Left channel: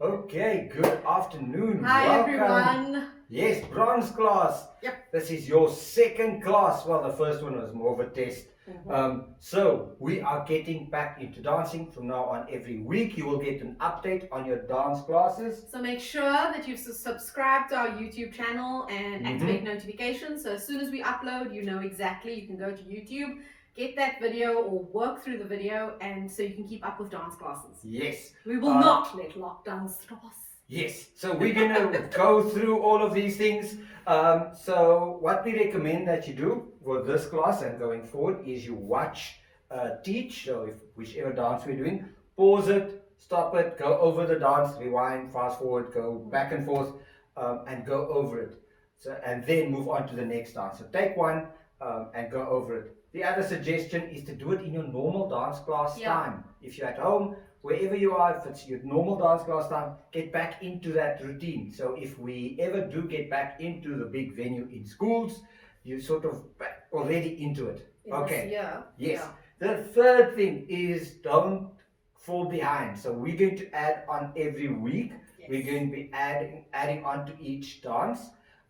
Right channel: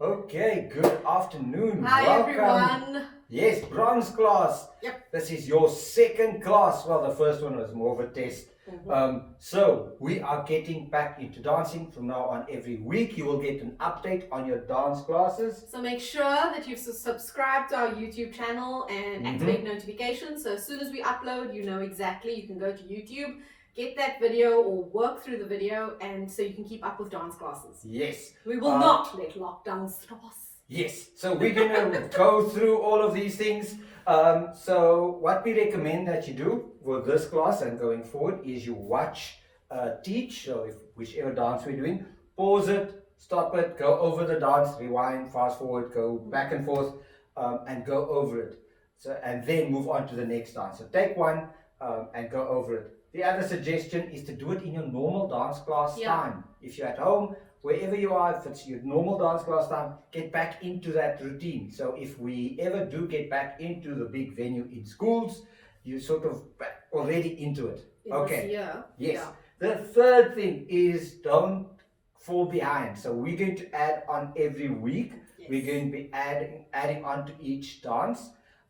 Okay, good afternoon. Hi Welcome. everyone. Yes, bronze class. Yep. This is your second class. Well, the first one was more of a test. So we are getting back into dancing from now on. Every week you will get an update on your dance classes. So make sure that you subscribe to our YouTube channel and activate notifications. So as soon as we upload, you know exactly. You can go to YouTube, get that video or work through the video, and so you can keep up with dance classes. Yes. We will not let lockdown stop us. Yes, so we're going to go through all of these things. So what we recommend that you do for this class and going forward is you watch, teach, so if whichever dance we're doing, pause it, stop it, go over the dance, rewind, fast forward, go back and forth, and go over it. So, and then move on to the next dance. So take one and go over it. The other suggestion is to do it in your normal dance class time. If you're at home, wherever you are, if it's your normal dance class time, get back into that routine. So if we ever do get back into the big venue in schools, you sort of already into it. Okay. Yeah. Yes. The third thing is don't fall behind. So we're going to add on every week. Yes. We're going to be adding on to each dance.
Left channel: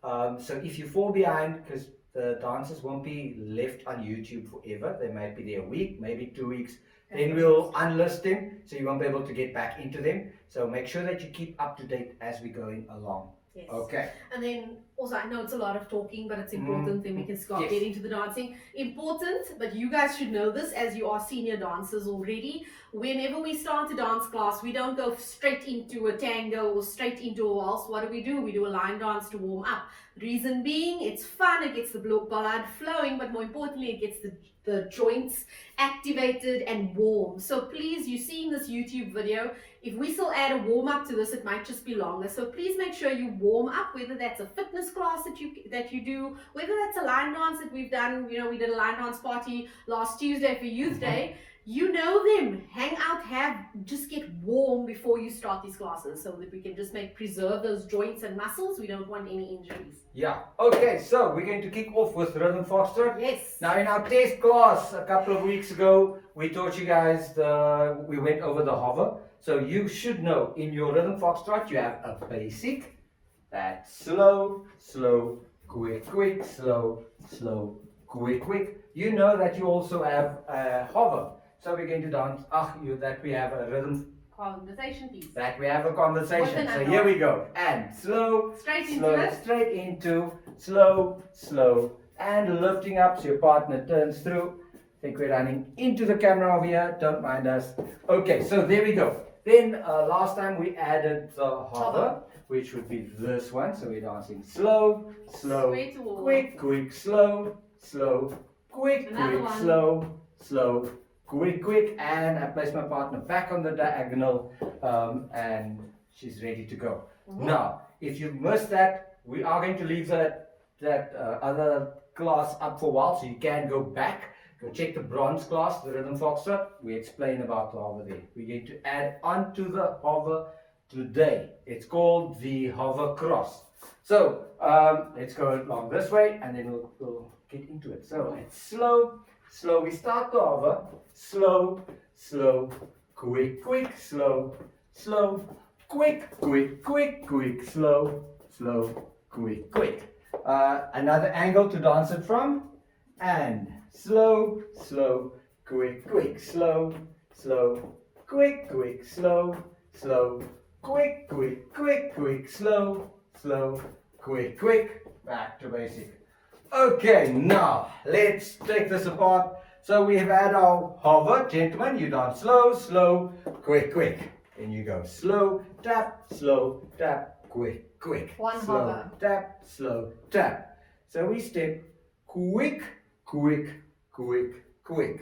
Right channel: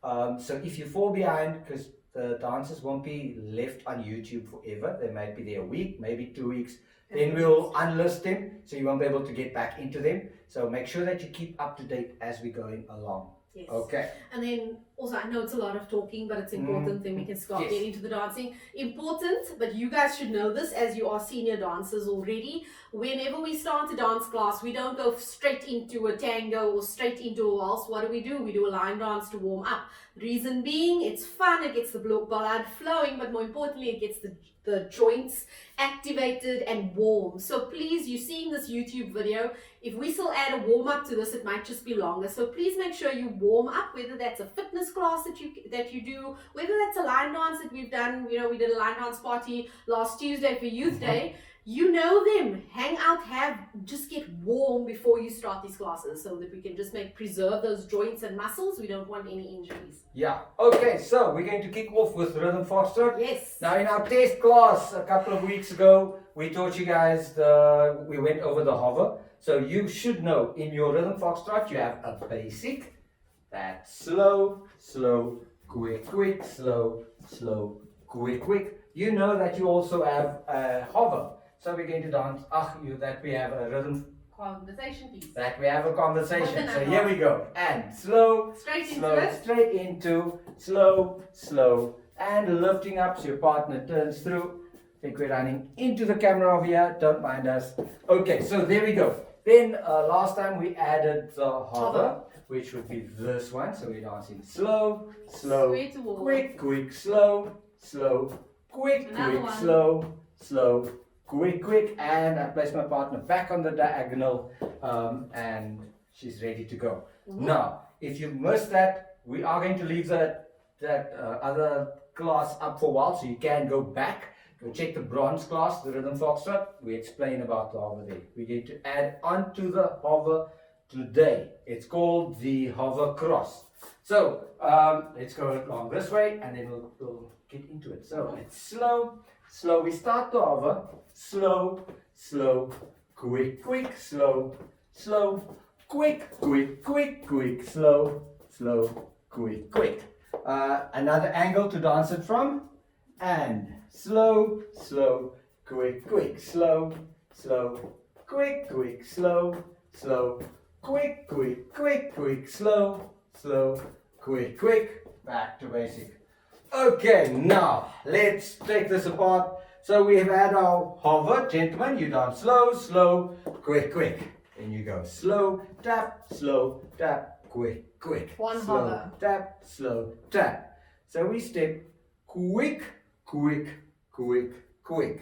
So if you fall behind, because the dances won't be left on YouTube forever, they might be there a week, maybe 2 weeks. Then we'll unlist them, so you won't be able to get back into them. So make sure that you keep up to date as we're going along. Yes. Okay. And then also, I know it's a lot of talking, but it's important. Then we can start Yes. getting to the dancing. Important, but you guys should know this as you are senior dancers already. Whenever we start a dance class, we don't go straight into a tango or straight into a waltz. What do? We do a line dance to warm up. Reason being, it's fun, it gets the blood flowing, but more importantly, it gets the joints activated and warm. So please, you're seeing this YouTube video. If we still add a warm up to this, it might just be longer. So please make sure you warm up, whether that's a fitness class that you do, whether that's a line dance that we've done. You know, we did a line dance party last Tuesday for Youth Day. You know them. Hang out, just get warm before you start these classes so that we can just preserve those joints and muscles. We don't want any injuries. Yeah. Okay, so we're going to kick off with Rhythm Foxtrot. Yes. Now in our test class a couple of weeks ago, we taught you guys we went over the hover. So you should know in your Rhythm Foxtrot you have a basic, that's slow, slow, quick, quick, slow, slow, quick, quick. You know that you also have a hover. So we're going to dance, that we have a rhythm. Conversation piece. That we have a conversation. So What here we go. And slow, Straight slow, into it. straight into, slow, slow, and lifting up so your partner turns through. I think we're running into the camera over here. Don't mind us. Okay, so there we go. Then last time we added the hover, which would be this one. So we're dancing slow, slow, Straight towards. quick, quick, slow, slow, quick, Another quick, one. slow, slow, quick, quick, and I place my partner back on the diagonal, and she's ready to go. Now, if you missed that, we are going to leave that other class up for a while, so you can go back, go check the bronze class, the Rhythm Foxtrot. We explain about the hover there. We're going to add onto the hover today. It's called the hover cross. So let's go along this way, and then we'll get into it. So it's slow. Slow, we start the hover, slow, slow, quick, quick, slow, slow, quick, quick, quick, quick, slow, slow, quick, quick. Another angle to dance it from, and slow, slow, quick, quick, slow, slow, quick, quick, slow, slow, quick, quick, quick, quick, slow, slow, quick, quick, back to basic. Okay, now let's take this apart. So we have had our hover, gentlemen. You dance slow, slow, quick, quick. Then you go slow, tap, quick, quick. One slow, hover. tap, slow, tap. So we step quick, quick, quick, quick.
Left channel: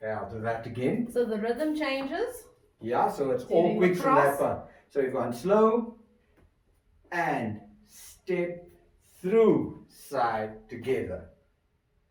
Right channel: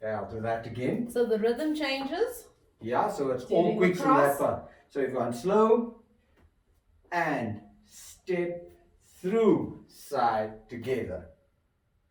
Okay, I'll do that again. So the rhythm changes. Yeah, so it's all Doing quick the from that cross. part. So if I'm slow and step through side together.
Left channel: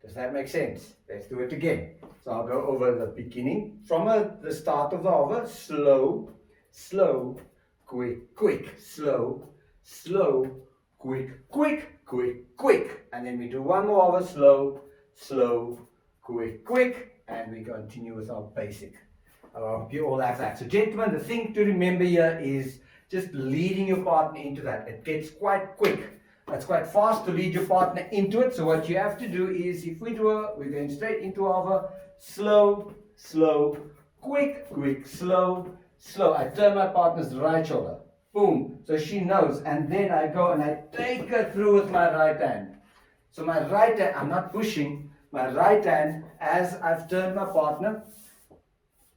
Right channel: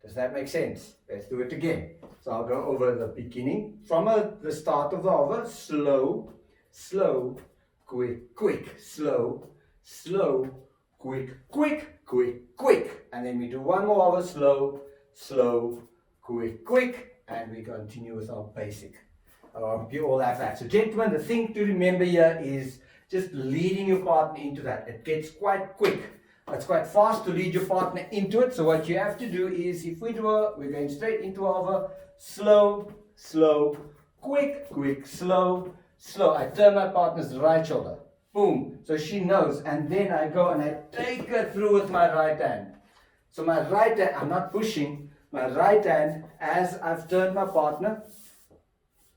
Does that make sense? Let's do it again. So I'll go over the beginning from the start of the hover. Slow, slow, quick, quick, slow, slow, quick, quick, quick, quick. And then we do one more hover. Slow, slow, quick, quick. And we continue with our basic. You all have that. So gentlemen, the thing to remember here is just leading your partner into that. It gets quite quick. It's quite fast to lead your partner into it. So what you have to do is, if we do we're going straight into a hover, slow, slow, quick, quick, slow, slow. I turn my partner's right shoulder. Boom. So she knows. And then I go and I take her through with my right hand. So my right hand, I'm not pushing. My right hand, as I've turned my partner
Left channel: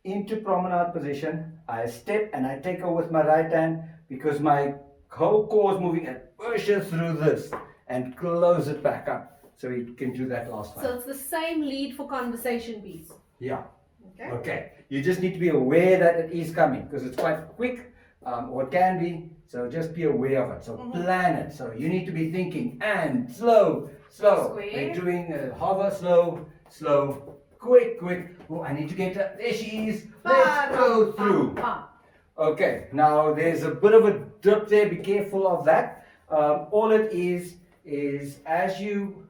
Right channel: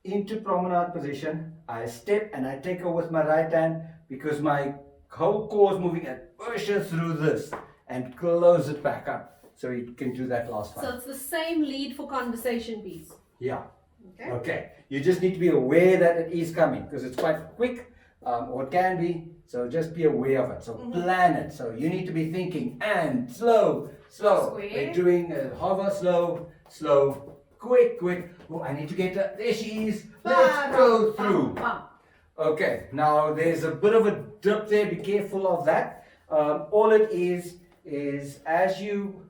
into promenade position, I step and I take her with my right hand because my whole core is moving and push her through this and close it back up. So you can do that last time. So it's the same lead for conversation piece. Yeah. Okay. Okay. You just need to be aware that it is coming because it's quite quick, or it can be. So just be aware of it. So plan it. So you need to be thinking and slow, slow. Square. We're doing a hover, slow, slow, quick, quick. Oh, I need to get her. There she is. Let's go through. Okay, now there's a bit of a dip there. Be careful of that. All it is as you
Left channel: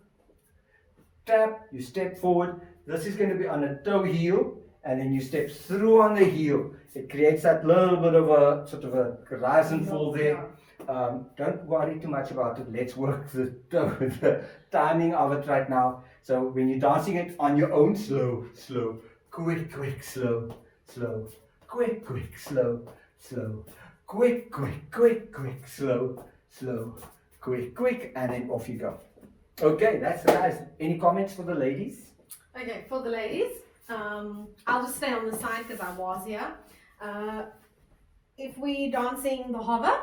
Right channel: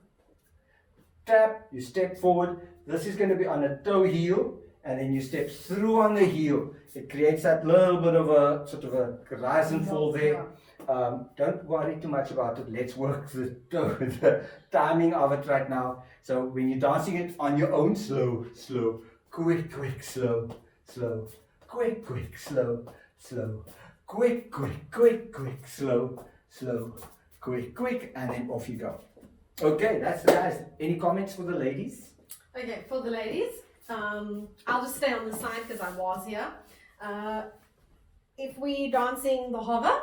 tap, you step forward. This is going to be on a toe heel, and then you step through on the heel. It creates that little bit of a sort of a rise and fall there. Don't worry too much about it. Let's work the timing of it right now. So when you're dancing it on your own, slow, slow, quick, quick, slow, slow, quick, quick, slow, slow, quick, quick, quick, quick, slow, slow, quick, quick, and then off you go. Okay, that's the guys. Any comments for the ladies? Okay, for the ladies, I'll just stay on the side because I was here. If we're dancing the hover,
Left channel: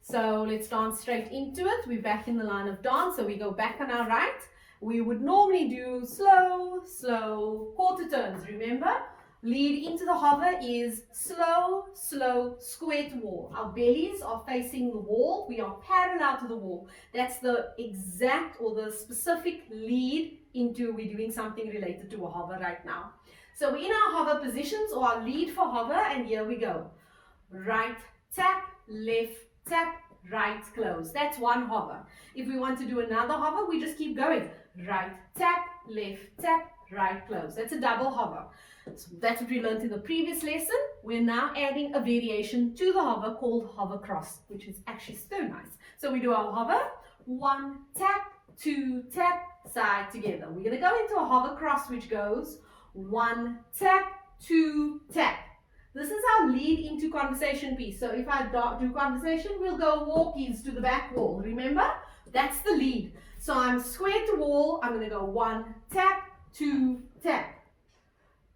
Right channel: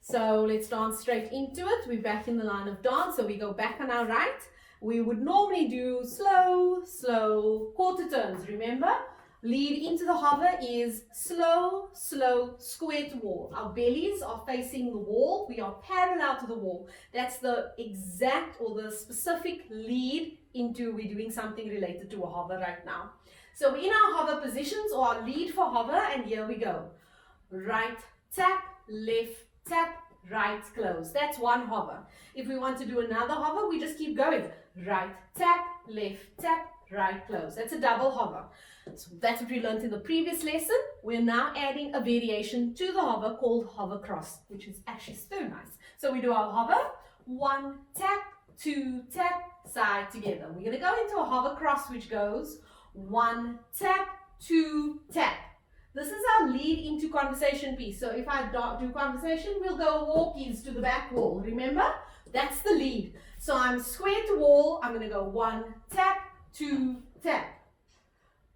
so let's dance straight into it. We're back in the line of dance, so we go back on our right. We would normally do slow, slow, quarter turns, remember? Lead into the hover is slow, slow, square to wall. Our bellies are facing the wall. We are parallel to the wall. That's the exact or the specific lead into we're doing something related to a hover right now. So we're in our hover positions or our lead for hover, and here we go. Right tap, left tap, right close. That's one hover. If we want to do another hover, we just keep going. Right tap, left tap, right close. That's a double hover. So that's what we learned in the previous lesson. We're now adding a variation to the hover called hover cross, which is actually so nice. So we do our hover, 1 tap, 2 tap, side together. We're going to go into a hover cross which goes 1 tap, 2 tap. This is our lead into conversation piece. So if I do conversation, we'll go walkies to the back wall. Remember? That's the lead. So I'm square to wall. I'm going to go 1 tap, 2 tap.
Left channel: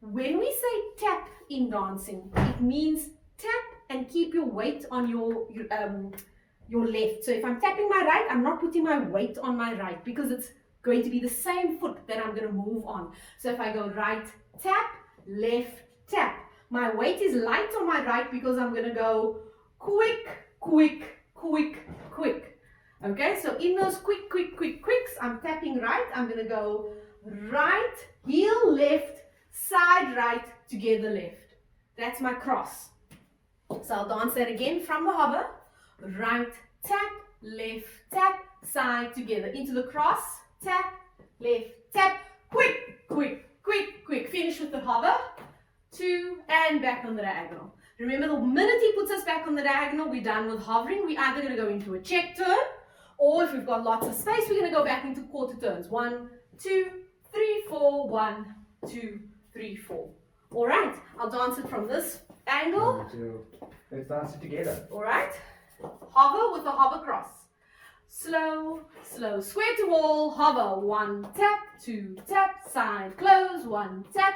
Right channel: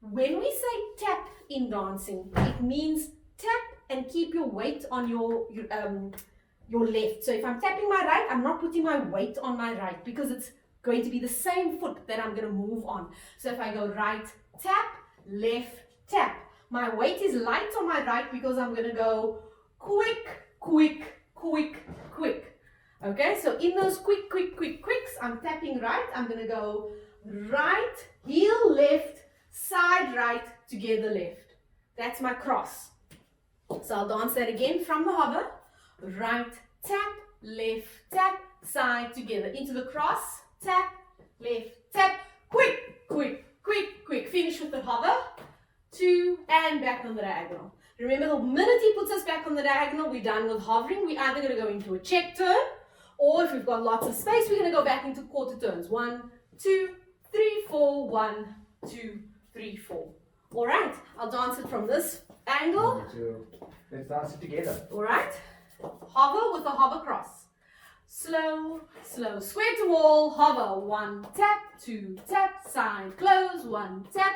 When we say tap in dancing, it means tap and keep your weight on your left. So if I'm tapping my right, I'm not putting my weight on my right because it's going to be the same foot that I'm going to move on. So if I go right tap, left tap, my weight is light on my right because I'm going to go quick, quick, quick, quick. Okay, so in those quick, quick, quick, quicks, I'm tapping right. I'm going to go right, heel left, side right, together left. That's my cross. So I'll dance that again from the hover. Right tap, left tap, side together. Into the cross, tap, left tap, quick, quick, quick, quick. Finish with the hover. 2 and back on the diagonal. Remember, the minute he puts us back on the diagonal, we're done with hovering. We're either going to go into a check turn, or if we've got lots of space, we're going to go back into quarter turns. 1, 2, 3, 4, 1, 2, 3, 4. All right, I'll dance it from this angle. Let's dance it together. All right, hover with a hover cross. Slow, slow, square to wall, hover. 1 tap, 2 tap, side close, 1 tap,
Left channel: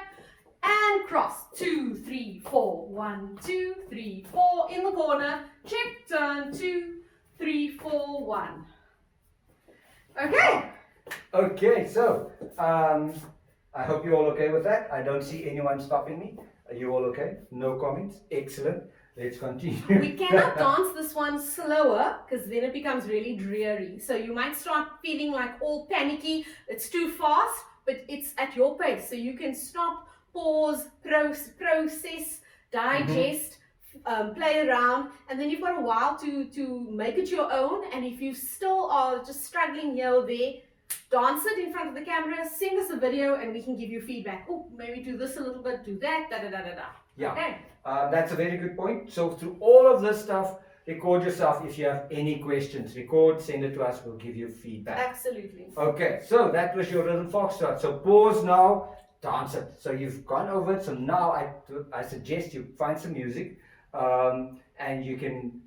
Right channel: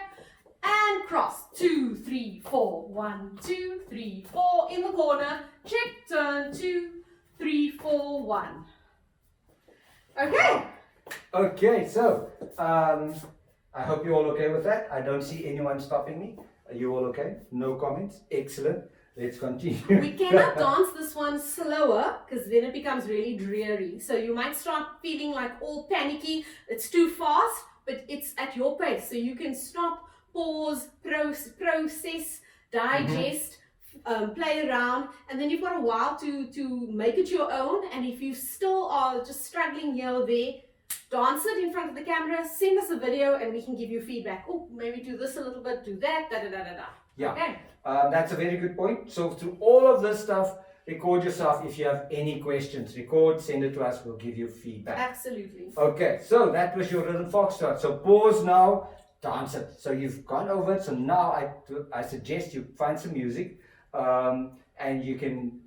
and cross. 2, 3, 4. 1, 2, 3, 4. In the corner, check, turn, 2, 3, 4, 1. Okay. Okay, so I hope you're all okay with that. I don't see anyone stopping me. Are you all okay? No comments? Excellent. Let's continue. We cannot dance this one slower because then it becomes really dreary. So you might start feeling like all panicky. It's too fast, but it's at your pace. So you can stop, pause, process, digest, play around, and then you've got a while to make it your own. And if you still are just struggling here or there, dance it in front of the camera, send us a video, and we can give you feedback. Oh, maybe do this a little bit, do that, da da da da da. Yeah. Okay. That's a very good point. So through all of this stuff, record yourself. If you have any questions, record, send it to us, we'll give you feedback. Absolutely. Okay, so that was your rhythm foxtrot. So pause now, dance it. So you've gone over it. So now I suggest you find some music, and you can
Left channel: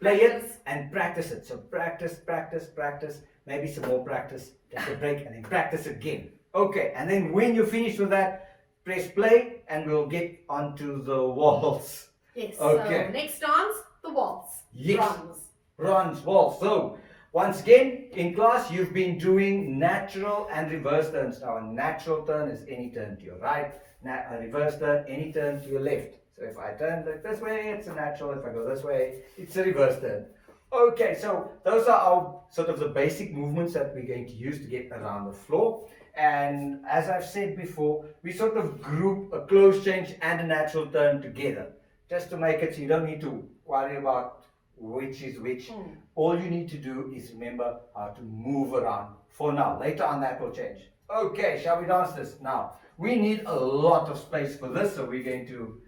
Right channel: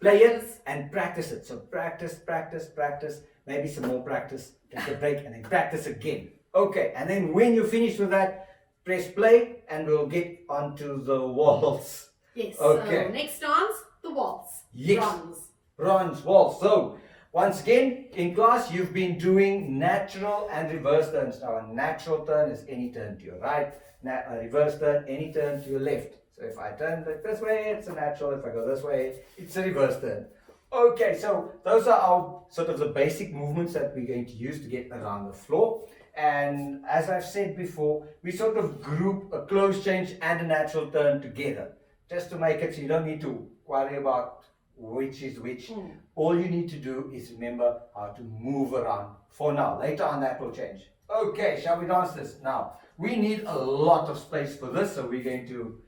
play it and practice it. So practice, practice, practice. Maybe some more practice. Take a break and then practice again. Okay, and then when you finish with that, press play and we'll get onto the waltz. Yes. Okay. So next dance, the waltz. Yes. Bronze. Bronze waltz. So once again, in class, you've been doing natural and reverse turns. Now, a natural turn is any turn to your right. A reverse turn, any turn to your left. So if I turn this way, it's a natural. If I go this way, it's a reverse turn. Okay, so those are our sort of the basic movements that we're going to use to get around the floor. And as I've said before, we sort of group a close change and a natural turn together, just to make it so you don't need to worry about which is which. All you need to do is remember how to move around for now. Later on that will change. Okay, shall we dance this? Now, we need a lot of space for this, so we're going to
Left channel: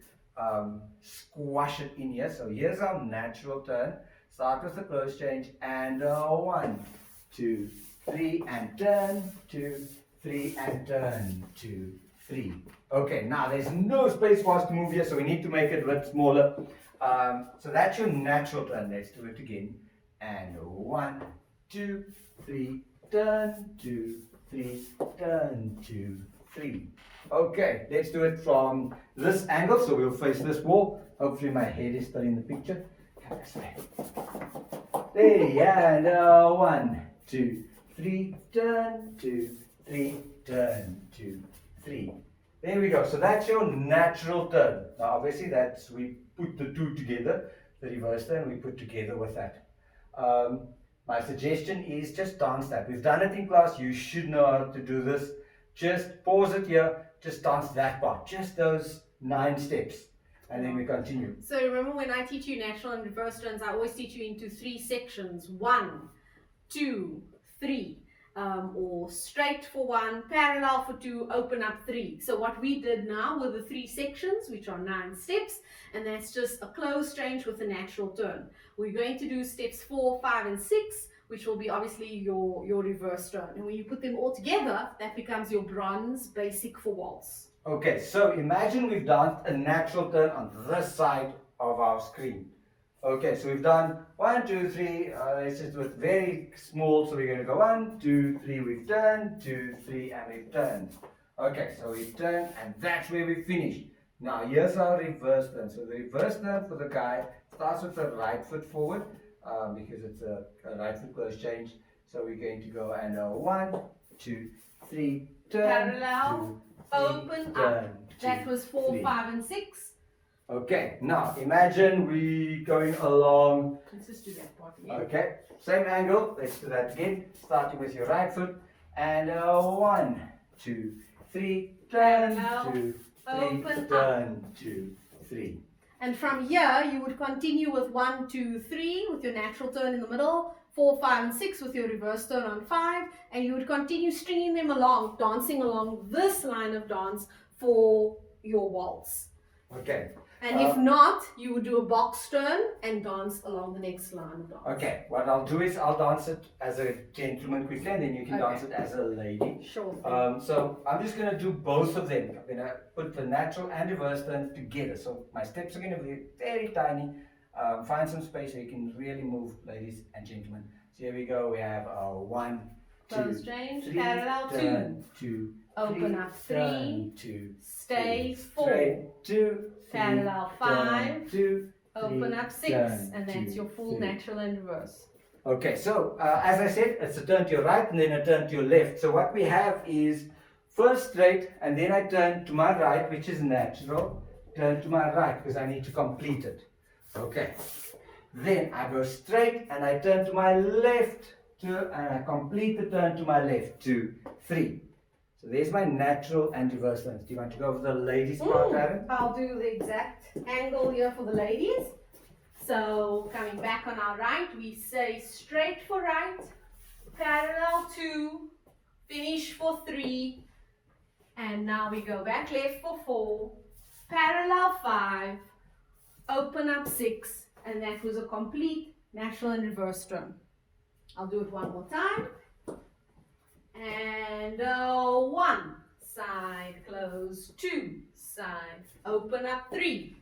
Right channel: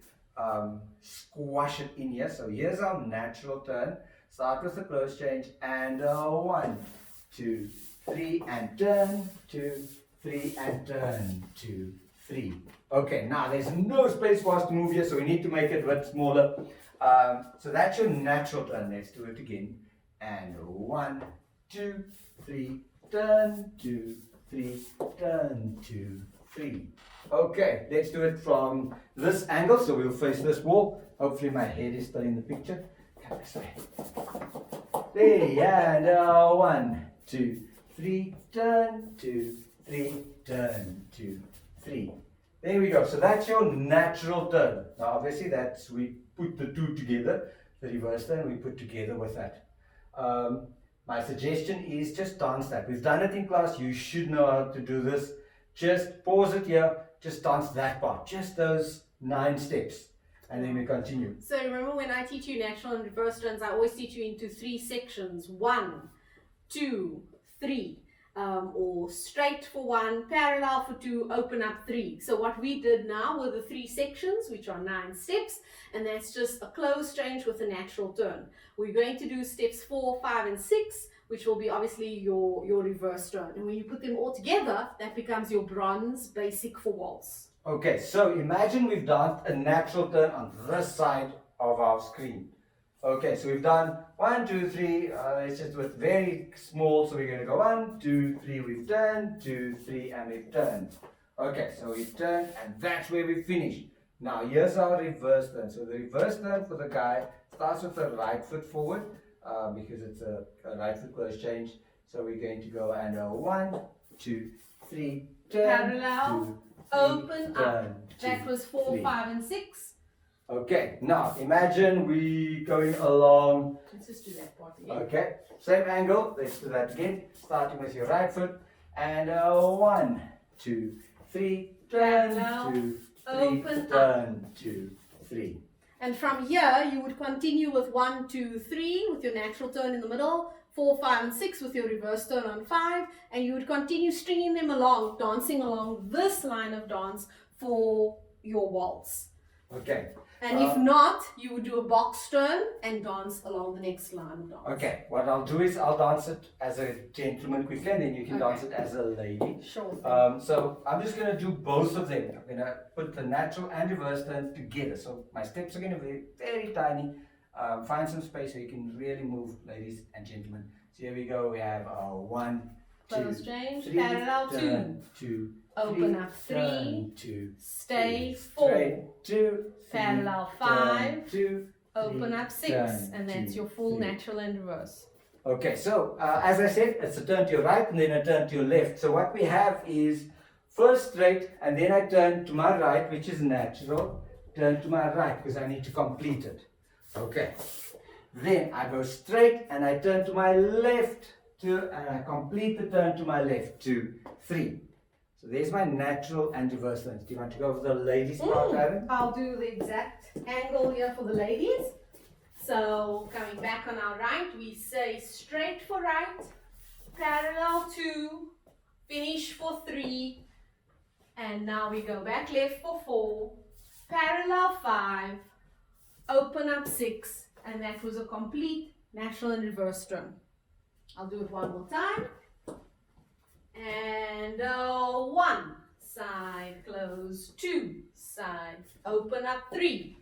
squash it in here. So here's our natural turn. Start with the close change and 1, 2, 3 and turn, 2, 3 and turn, 2, 3. Okay, now there's no space for us to move here, so we need to make it a bit smaller. So that's your natural turn. Let's do it again. And 1, 2, 3, turn, 2, 3, turn, 2, 3. Okay, let's do it from this angle. So we'll face this wall. Hopefully my head is still in the picture. Come this way. There, and 1, 2, 3, turn, 2, 3, turn, 2, 3. There we go. So that's your natural turn. Now obviously that's, we put the two together, the reverse turn we put together with that. My suggestion is just dance that. We've done it in class. You should know how to do this. Just pause it here. Just dance that part. Just those 9 steps. And then we continue. So remember, when I teach you natural and reverse turns, I always teach you into 3 sections. 1, 2, 3. Or straight for 1, parallel for 2, open up 3. So what we did now were the 3 sections, which are 9 steps, and that's just a close change with a natural turn. We're going to do steps 4, 5 and 6, which will be obviously your reverse turn. And when you put them all together, that becomes your bronze basic for waltz. Okay, so imagine we've done a natural turn on this side of our screen. Okay, so we've done 1, 2, 3, it's just with very small, so we're going to go 1, 2, 3, we've turned, 2, 3, and we've turned. Okay, so we've turned, and that's where we finished. Now, here's our reverse turn. So the reverse turn for the guy starts with the right foot forward, because it's a right foot close change. So we're going to go and 1, 2, 3, turn, Parallel, 2, 3, open turn, up. That 2, was 4, 3. 5 and 6. Okay, now imagine we going along. Let's just do that part again. Okay, same angle. Let's do that again. Starting with your right foot and 1, 2, 3, turn, Parallel, 2, 3, open turn, 2, 3. And from here, you would continue with 1, 2, 3 with your natural turn in the middle, 4, 5 and 6 with your reverse turn on 5, and you would continue stringing them along, dancing along this line of dance for your waltz. Okay. And if not, you would do a box turn and dance along the next line of dance. Okay, what I'll do is I'll dance it as a gentleman quickly, and then you can Okay. dance it as a lady. Sure. So I'm just going to do both of them. I'm going to put the natural and reverse turn together. So my steps are going to be very tiny. Find some space so you can really move, ladies and gentlemen. So here we go. We have 1, 2, Close change, 3, parallel, turn, 2, Open 3, up 3, turn, 2, stay 3, 4, straight, 2, 3, parallel turn, 5, 2, open 3, up 6, turn, and that's 2, your full 3. natural and reverse. Okay, so as I said, it's a turn to your right and then a turn to your left. So what we have is first straight and then I turn to my right, which is natural, turn to my right because I need to complete it. Okay, then I go straight and I turn to my left and I complete the turn to my left, 2, 3. So there's my natural and reverse turns. Do you want to go over the ladies part, Aaron? I'll do the exact angle here for the ladies. So coming back on our right, we say straight for right, parallel 2, finish for 3, and now we go back left for 4, parallel 5, open up 6, and that was a complete natural and reverse turn. I'll do it one more time. And 1, side, close, 2, side, open up 3,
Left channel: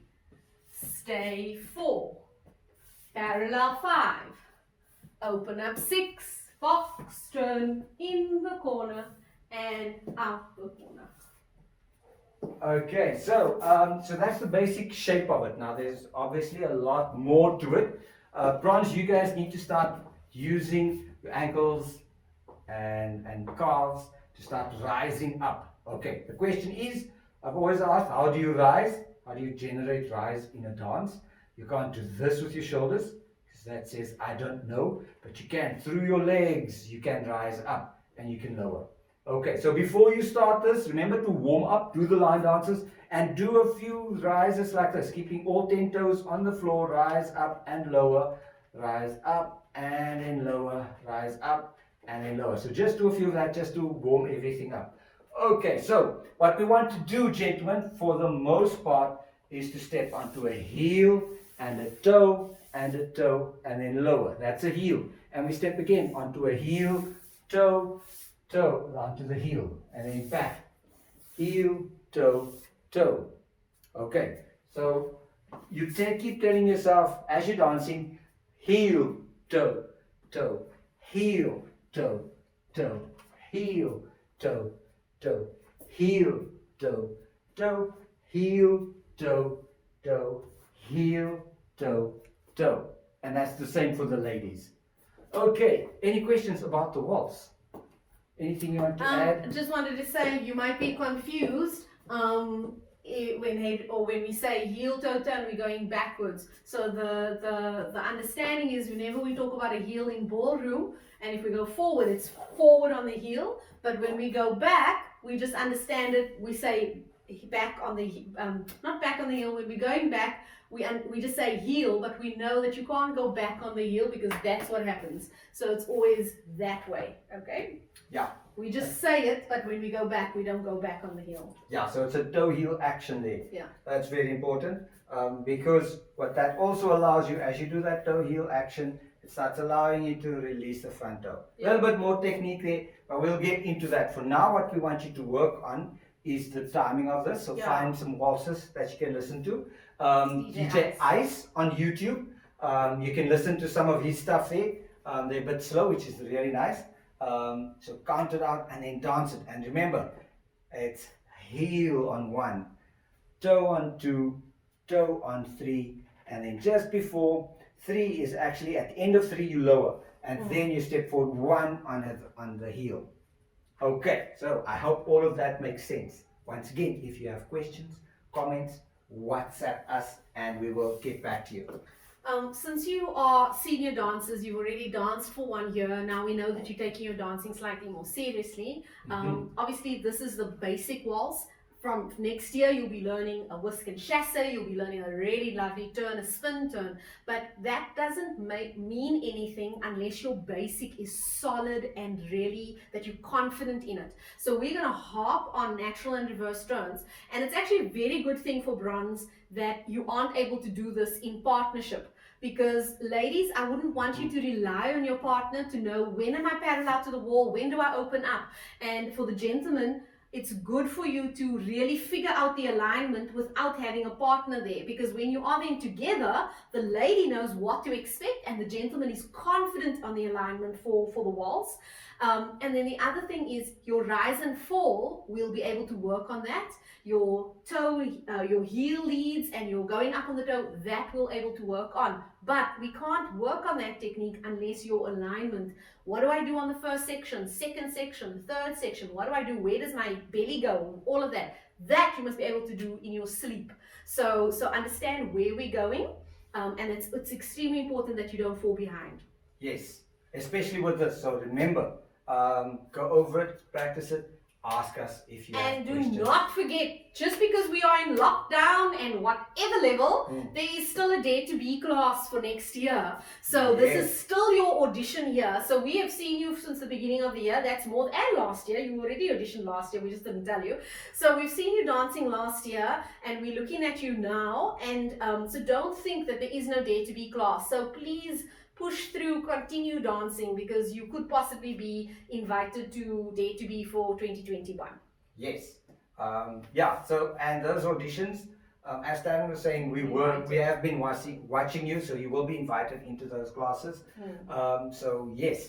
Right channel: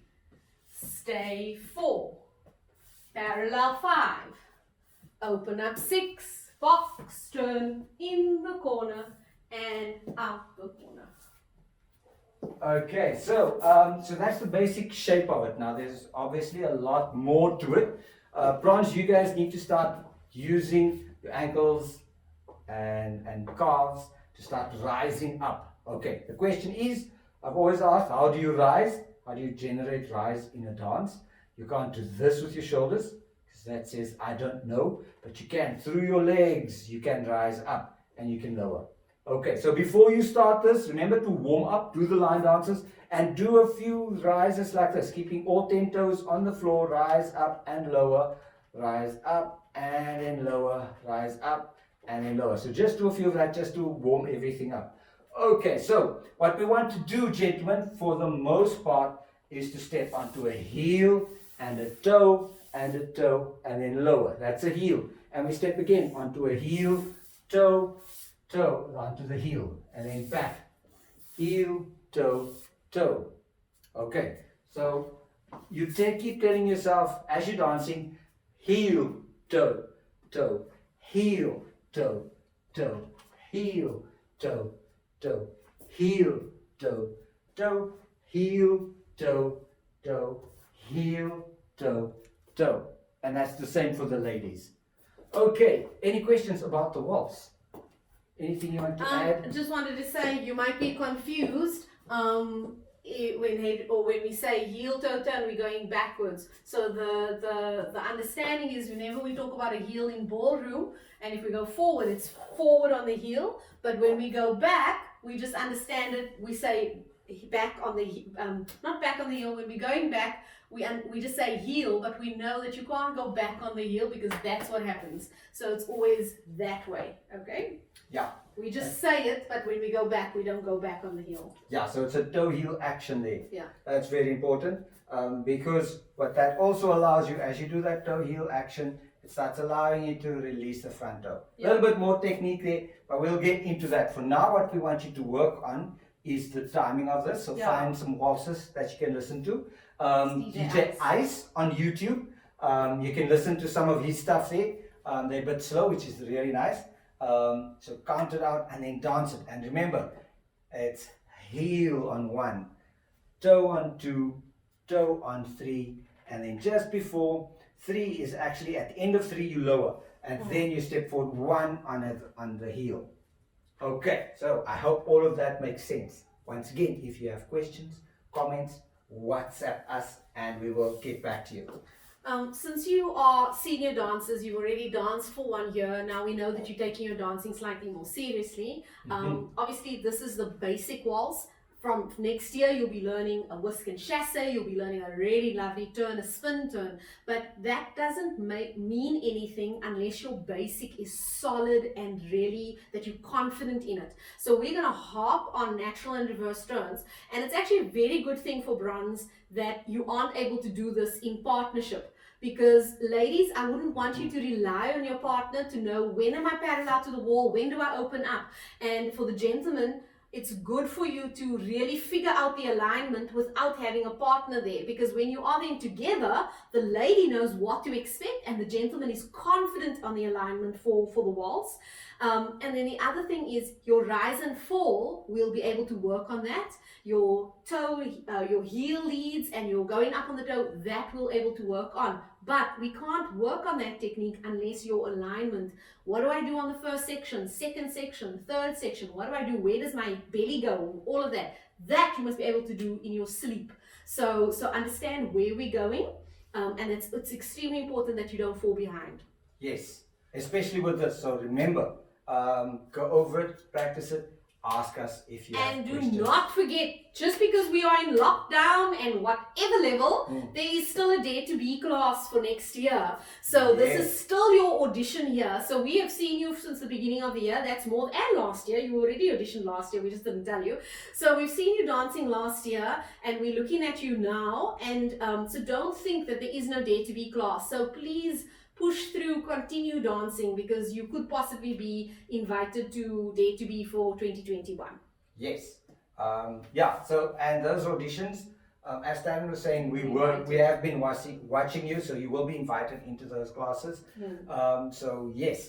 stay 4, parallel 5, open up 6, fox, turn in the corner and out the corner. Okay, so that's the basic shape of it. Now there's obviously a lot more to it. Bronze, you guys need to start using your ankles and calves to start rising up. Okay, the question is, I've always asked, how do you rise? How do you generate rise in a dance? You can't do this with your shoulders, because that says I don't know, but you can through your legs. You can rise up and you can lower. Okay, so before you start this, remember to warm up, do the line dances, and do a few rises like this, keeping all 10 toes on the floor. Rise up and lower, rise up and then lower, rise up and then lower. So just do a few of that just to warm everything up. Okay, so what we want to do, gentlemen, for the most part, is to step onto a heel and a toe and a toe and then lower. That's a heel. And we step again onto a heel, toe, toe, onto the heel, and then back, heel, toe, toe. Okay, so you keep telling yourself as you're dancing, heel, toe, toe, heel, toe, toe, heel, toe, toe, heel, toe, toe, heel, toe, toe, heel, toe, toe. And that's the same for the ladies. Okay, any questions about the waltz? Anything you want to add? Just wanted to say, you might be confused when we say heel toe turn, we're going backwards. So the understanding is, whenever we talk about a heel in ballroom, and if we go forward, it's forward on the heel. But when we go back, we just understand it. We say back on the not back on the heel. When we're going back, we just say heel, but we know that you can't go back on the heel because that's what happens. So it's always that way. Okay. Yeah. We just say it, but when we go back, we don't go back on the heel. Yeah, so it's a toe heel action there. Yeah. That's very important because what that also allows you, as you do that toe heel action, it starts allowing you to release the front toe. A little bit more technique there, but we'll get into that. For now, what we want you to work on is the timing of this. So find some waltzes that you can listen to. DJ Ice on YouTube. You can listen to some of his stuff there. They're a bit slow, which is really nice. So count it out and then dance it. And remember, it's heel on 1, toe on 2, toe on 3, and then just before 3 is actually at the end of 3 you lower, and then you step forward 1 on the heel. Okay, so I hope all of that makes sense. Once again, if you have questions, comments, WhatsApp us and we will get back to you. Since you are senior dancers, you've already danced for 1 year. Now we know that you're taking your dancing slightly more seriously. Obviously, this is the basic waltz. From next year, you'll be learning a whisk and chasse. You'll be learning a really lovely turn, a spin turn. But that doesn't mean anything unless your basic is solid and really that you're confident in it. So we're going to harp on natural and reverse turns. And it's actually a very good thing for bronze that you aren't able to do this in partnership. Because ladies, I wouldn't want you to rely on your partner to know when am I parallel to the wall, when do I open up. And for the gentlemen, it's good for you to really figure out the alignment without having a partner there. Because when you are then together, the lady knows what to expect and the gentleman is confident on the alignment for the waltz. And then the other thing is your rise and fall, we'll be able to work on that. Your toe, your heel leads and you're going up on the toe, that we'll able to work on. But we can't work on that technique unless your alignment. What do I do on the first section, second section, third section? What do I do? Where does my belly go? All of that. That you must be able to do in your sleep. So understand where we're going. And it's extremely important that you don't fall behind. Yes, especially with this. So remember, go over it, practice it. ask us if you have And do questions. not forget, just because we are in lockdown and whatever level, there is still a Dare to Be class for next year. So this is still your audition here. So we have seen you since the beginning of the year. That's more, and last year. You already auditioned last year. We just didn't tell you. So we've seen you dancing last year, and we're looking at you now. And so don't think that there is no Dare to Be class. So please push through, continue dancing, because you could possibly be invited to Dare to Be for 2021. Yes. Yeah. So, and those auditions, as Darren was saying, we have been watching you, so you will be invited into those classes. So yes,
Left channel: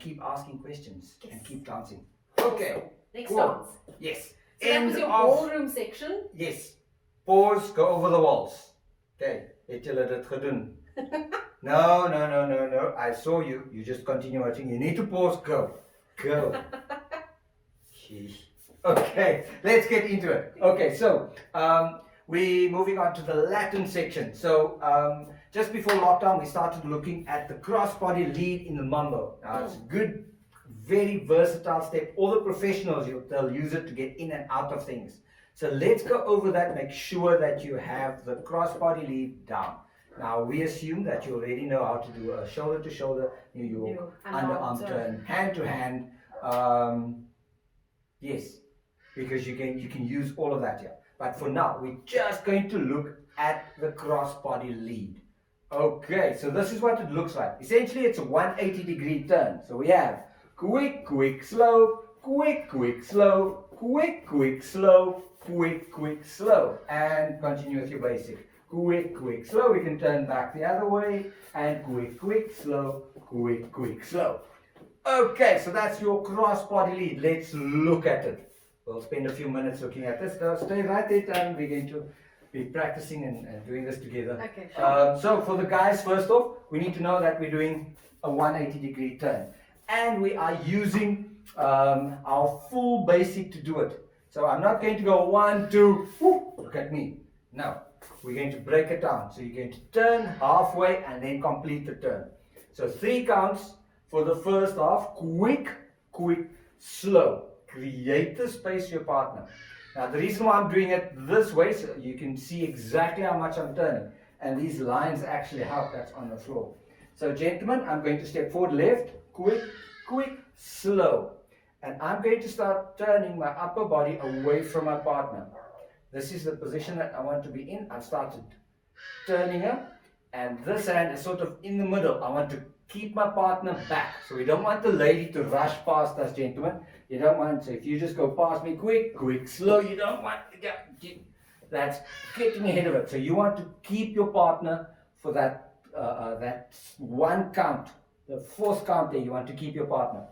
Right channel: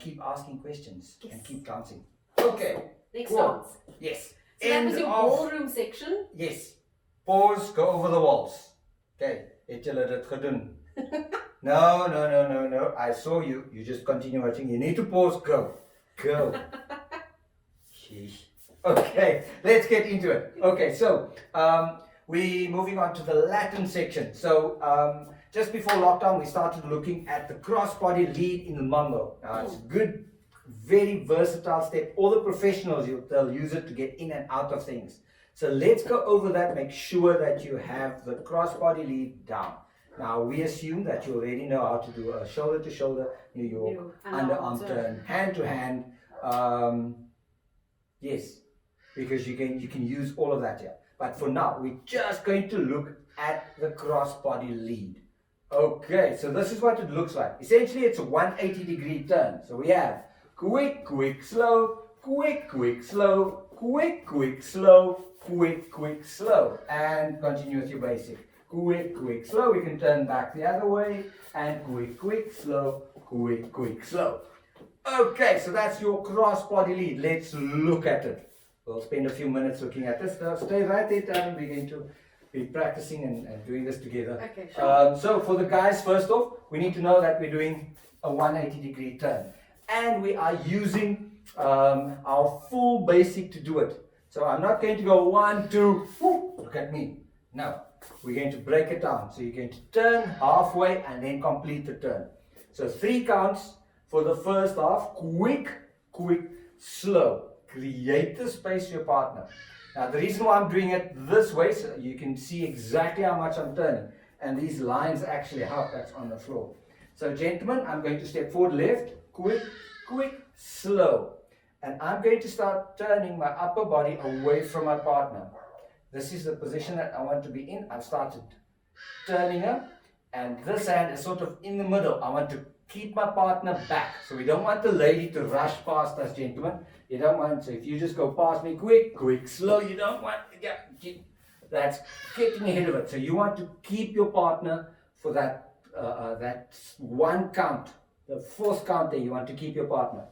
keep asking questions and keep dancing. Okay. Next cool. dance. Yes. So that was your ballroom section. Yes. Pause. Go over the walls. Okay. Het julle dit gedoen? No. I saw you. You just continue watching. You need to pause. Go. Sheesh. Okay, let's get into it. Okay, so we're moving on to the Latin section. So just before lockdown, we started looking at the crossbody lead in the mambo. Now it's a good, very versatile step. All the professionals, they'll use it to get in and out of things. So let's go over that. Make sure that you have the crossbody lead down. Now we assume that you already know how to do a shoulder to shoulder, New York, underarm turn, hand to hand. Yes, because you can use all of that here. But for now, we're just going to look at the crossbody lead. Okay, so this is what it looks like. Essentially, it's a 180-degree turn. So we have quick, slow, quick, slow, quick, slow, quick, slow. And continue with your basic. Quick, slow. We can turn back the other way. And quick, slow, quick, slow. Okay, so that's your crossbody lead. Let's look at it. We'll spend a few minutes looking at this. Stay right there, Tan. We're going to be practicing and doing this together. Okay, sure. So for the guys, first off, we need to know that we're doing a 180-degree turn. And we are using our full basic to do it. So I'm not going to go 1, 2, whoop, look at me. No, we're going to break it down. So you're going to turn halfway and then complete the turn. So 3 counts for the first half. Quick, slow. Create the space for your partner. Now the reason why I'm doing it this way, so you can see exactly how much I'm turning. And these lines actually help. That's on the floor. So gentlemen, I'm going to step forward left, quick, slow. And I'm going to start turning my upper body away from my partner. This is the position that I want to be in. I've started turning her. And this hand is sort of in the middle. I want to keep my partner back. So we don't want the lady to rush past us, gentlemen. You don't want, so if you just go past me quick, slow, you don't want, that's getting ahead of it. So you want to keep your partner for that one count, the 4th count there, you want to keep your partner.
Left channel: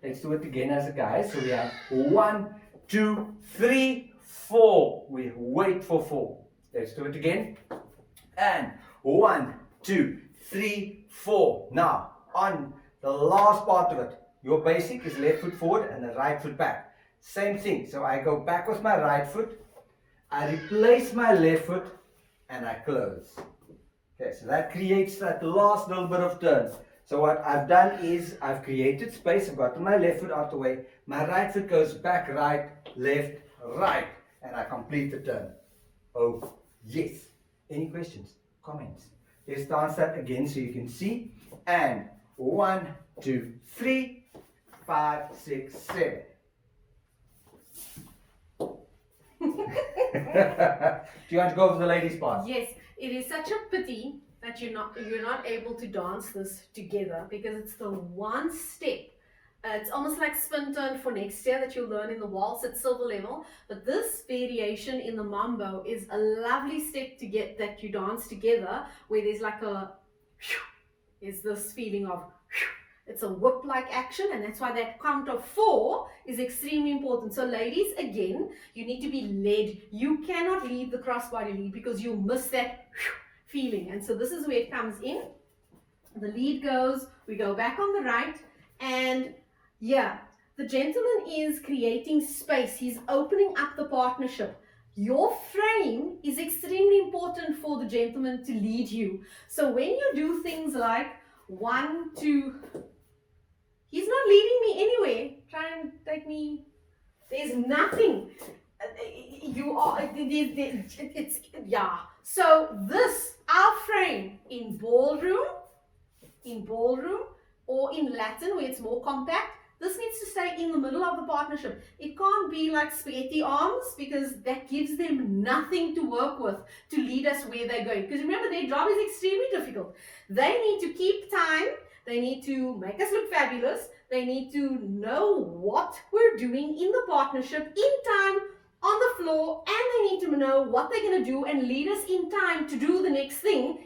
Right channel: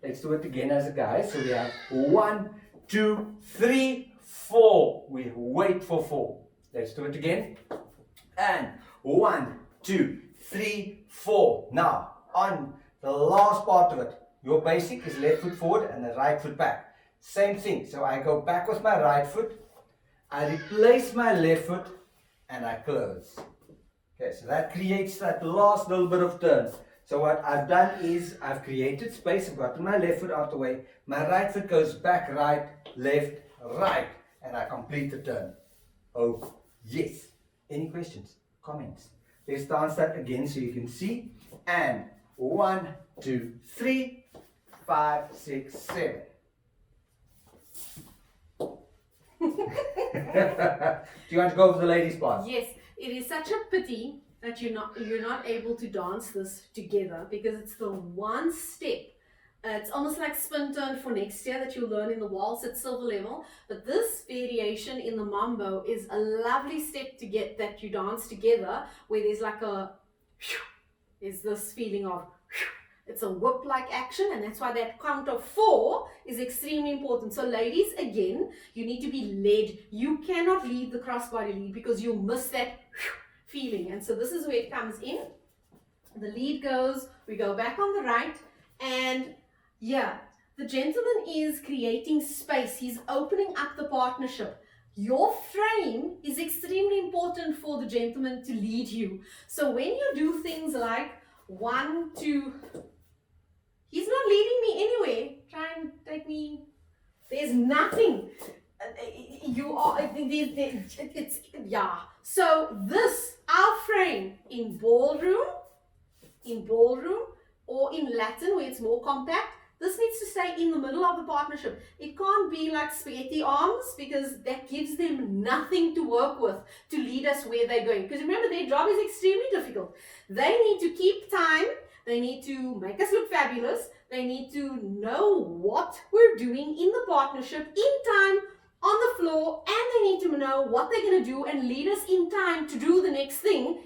Let's do it again as a guy. So we have 1, 2, 3, 4. We wait for 4. Let's do it again. And 1, 2, 3, 4. Now, on the last part of it, your basic is left foot forward and the right foot back. Same thing. So I go back with my right foot, I replace my left foot, and I close. Okay, so that creates that last little bit of turn. So what I've done is I've created space. I've gotten my left foot out the way. My right foot goes back, right, left, right, and I complete the turn. Oh, yes. Any questions? Comments? Let's dance that again so you can see. And 1, 2, 3, 5, 6, 7. Do you want to go over the ladies' part? Yes, it is such a pity that you're not able to dance this together, because it's the one step. It's almost like spin turn for next year that you'll learn in the waltz at silver level. But this variation in the mambo is a lovely step to get that you dance together, where there's like is this feeling of it's a whip-like action, and that's why that count of 4 is extremely important. So ladies, again, you need to be led. You cannot lead the crossbody lead because you miss that feeling. And so this is where it comes in. The lead goes, we go back on the right, and yeah, the gentleman is creating space. He's opening up the partnership. Your frame is extremely important for the gentleman to lead you. So when you do things like 1, 2, he's not leading me anywhere. Try and take me There's nothing. You are, yeah. So this, our frame in ballroom, or in Latin where it's more compact, this needs to stay in the middle of the partnership. It can't be like spaghetti arms, because that gives them nothing to work with to lead us where they're going. Because remember, their job is extremely difficult. They need to keep time. They need to make us look fabulous. They need to know what we're doing in the partnership in time, on the floor, and they need to know what they're going to do and lead us in time to do the next thing,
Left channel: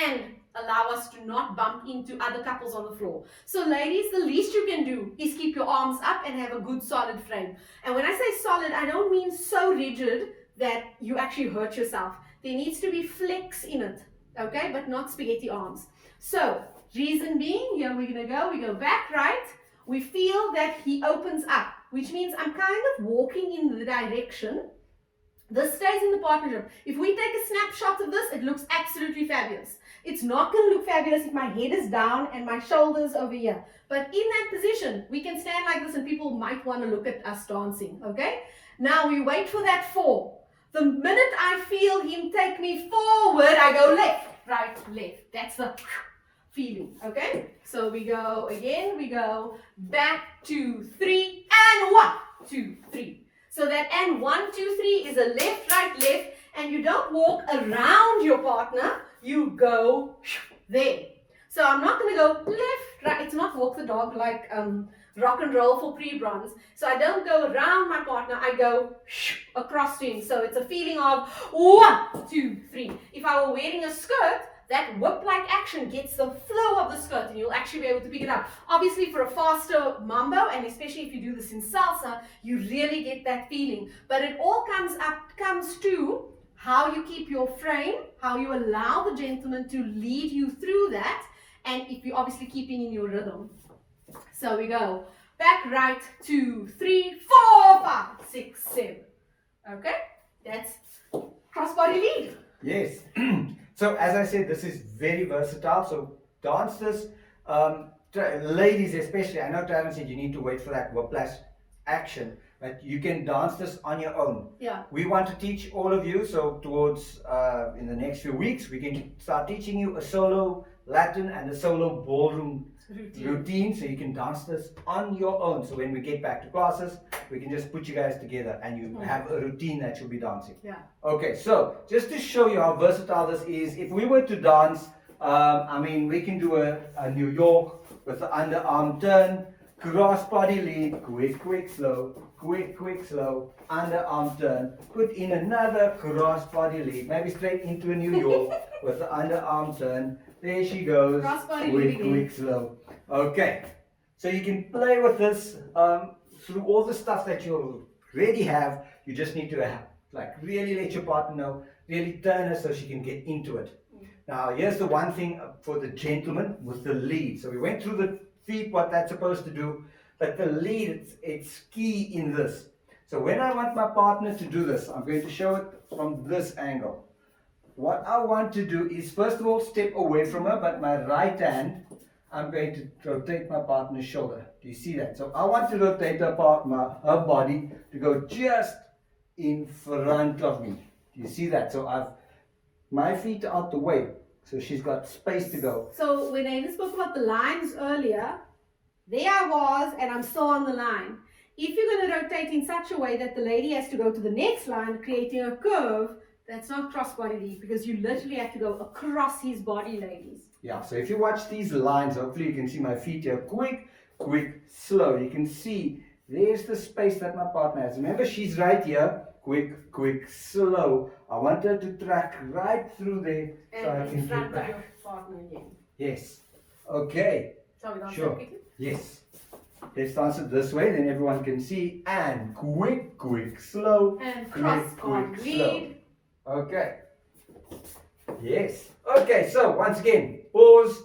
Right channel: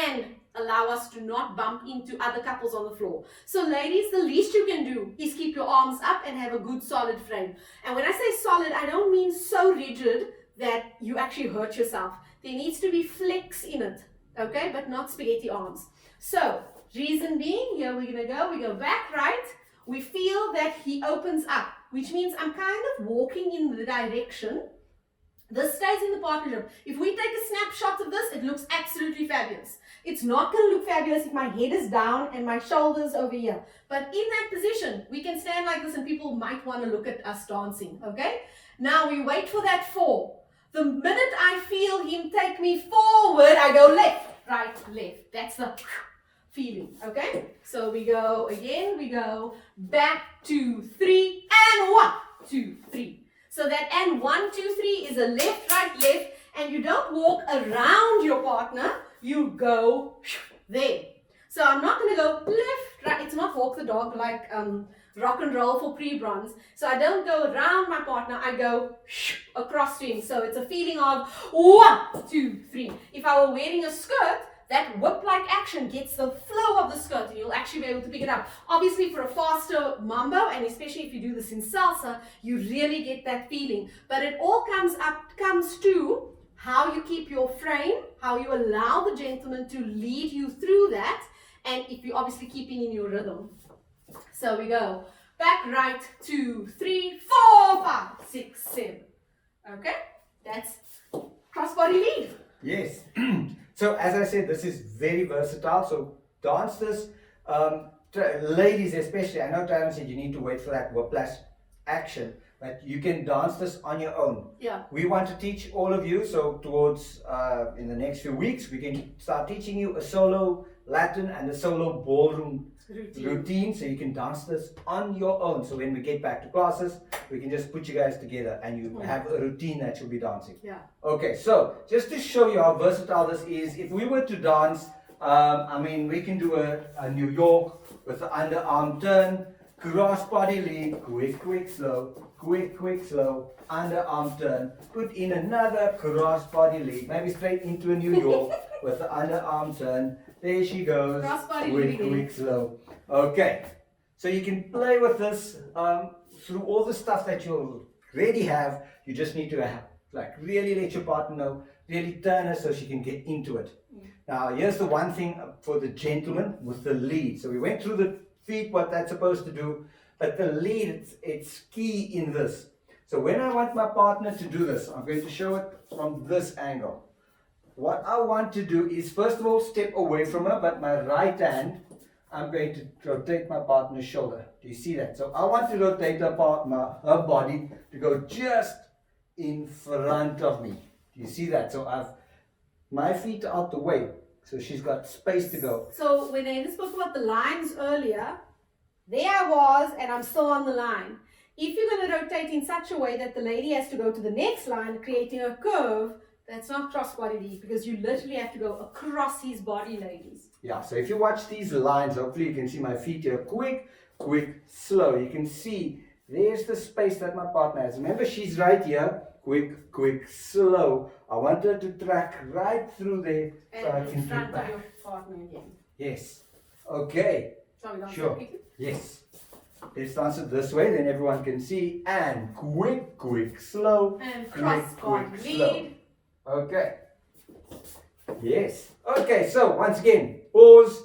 and allow us to not bump into other couples on the floor. So ladies, the least you can do is keep your arms up and have a good solid frame. And when I say solid, I don't mean so rigid that you actually hurt yourself. There needs to be flex in it, okay, but not spaghetti arms. So reason being, here we're going to go, we go back right, we feel that he opens up, which means I'm kind of walking in the direction. This stays in the partnership. If we take a snapshot of this, it looks absolutely fabulous. It's not going to look fabulous if my head is down and my shoulders over here. But in that position, we can stand like this and people might want to look at us dancing, okay? Now we wait for that 4. The minute I feel him take me forward, I go left, right, left. That's the feeling, okay? So we go again, we go back, 2, 3, and 1, 2, 3. So that and 1, 2, 3 is a left, right, left, and you don't walk around your partner, you go there. So I'm not going to go left, right. It's not walk the dog like rock and roll for pre-bronze. So I don't go around my partner, I go across to him. So it's a feeling of 1, 2, 3. If I were wearing a skirt, that whip-like action gets the flow of the skirt and you'll actually be able to pick it up. Obviously for a faster mambo, and especially if you do this in salsa, you really get that feeling. But it all comes to how you keep your frame, how you allow the gentleman to lead you through that, and if you're obviously keeping in your rhythm. So we go back right, 2, 3, 4, 5, 6, 7. Okay, that's crossbody lead. Yes. So as I said, this is very versatile. So dancers, ladies especially, I know Tyron said you need to wait for that whiplash action, but you can dance this on your own. Yeah. We want to teach all of you, so towards in the next few weeks, we can start teaching you a solo Latin and a solo ballroom routine, so you can dance this on your own. So when we get back to classes, we can just put you guys together and you have a routine that you'll be dancing. Yeah. Okay, so just to show you how versatile this is, if we were to dance, I mean, we can do a New York with the underarm turn, cross body lead, quick, quick, slow, quick, quick, slow, underarm turn, put in another cross body lead, maybe straight into a New York with the underarm turn. There she goes, quick, quick, slow. Okay, so you can play with this through all the stuff that you already have. You just need to have, like, really let your partner know, really turn her so she can get into it. Now, here's the one thing for the gentleman with the lead. So we went through the feet, what that's supposed to do, but the lead, it's key in this. So when I want my partner to do this, I'm going to show it from this angle. What I want to do is, first of all, step away from her, but my right hand, I'm going to rotate my partner's shoulder. Do you see that? So I want to rotate her body to go just in front of me. Do you see that? So I've my feet are out the way, so she's got space to go. So when I spoke about the lines earlier, there I was and I'm still on the line. If you're going to rotate in such a way that the lady has to go to the next line, creating a curve, that's not cross-body lead, because you literally have to go across his body, ladies. Yeah, so if you watch these lines, hopefully you can see my feet here. Quick, quick, slow. You can see there's the space that my partner has. Remember, she's right here. Quick, quick, slow. I want her to track right through there so I can get back. Your partner again. Yes. Okay. Shall we dance Sure. quickly? Yes. Let's dance it this way, then everyone can see. And quick, quick, slow. And quick, cross-body quick, lead. slow. Okay. Yes. Okay, so once again, pause,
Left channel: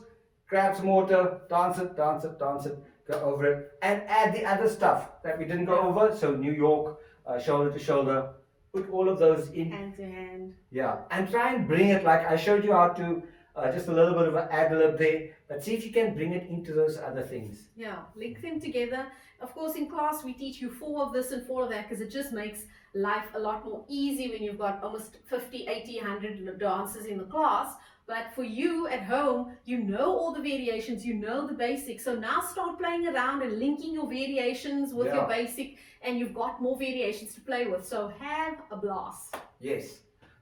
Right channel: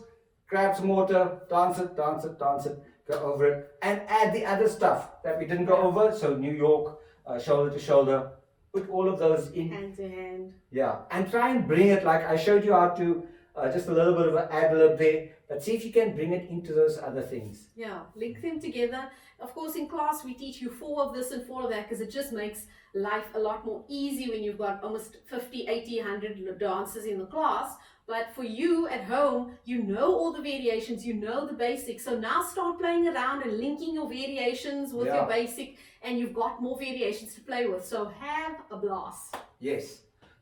grab some water, dance it, dance it, dance it, go over it, and add the other stuff that we didn't go over. So New York, shoulder to shoulder, put all of those in. Hand to hand. Yeah, and try and bring it like I showed you how to just a little bit of an ad lib there, but see if you can bring it into those other things. Yeah, link them together. Of course, in class, we teach you 4 of this and 4 of that because it just makes life a lot more easy when you've got almost 50, 80, 100 dances in the class. But for you at home, you know all the variations, you know the basics. So now start playing around and linking your variations with your basic, and you've got more variations to play with. So have a blast. Yes.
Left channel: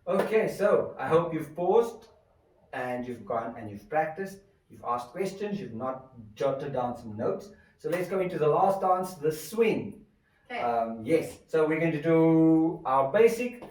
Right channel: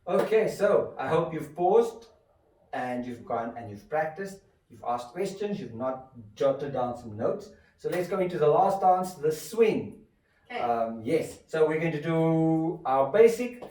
Okay, so I hope you've paused and you've gone and you've practiced. You've asked questions, you've not jotted down some notes. So let's go into the last dance, the swing. Okay. Yes, so we're going to do our basic,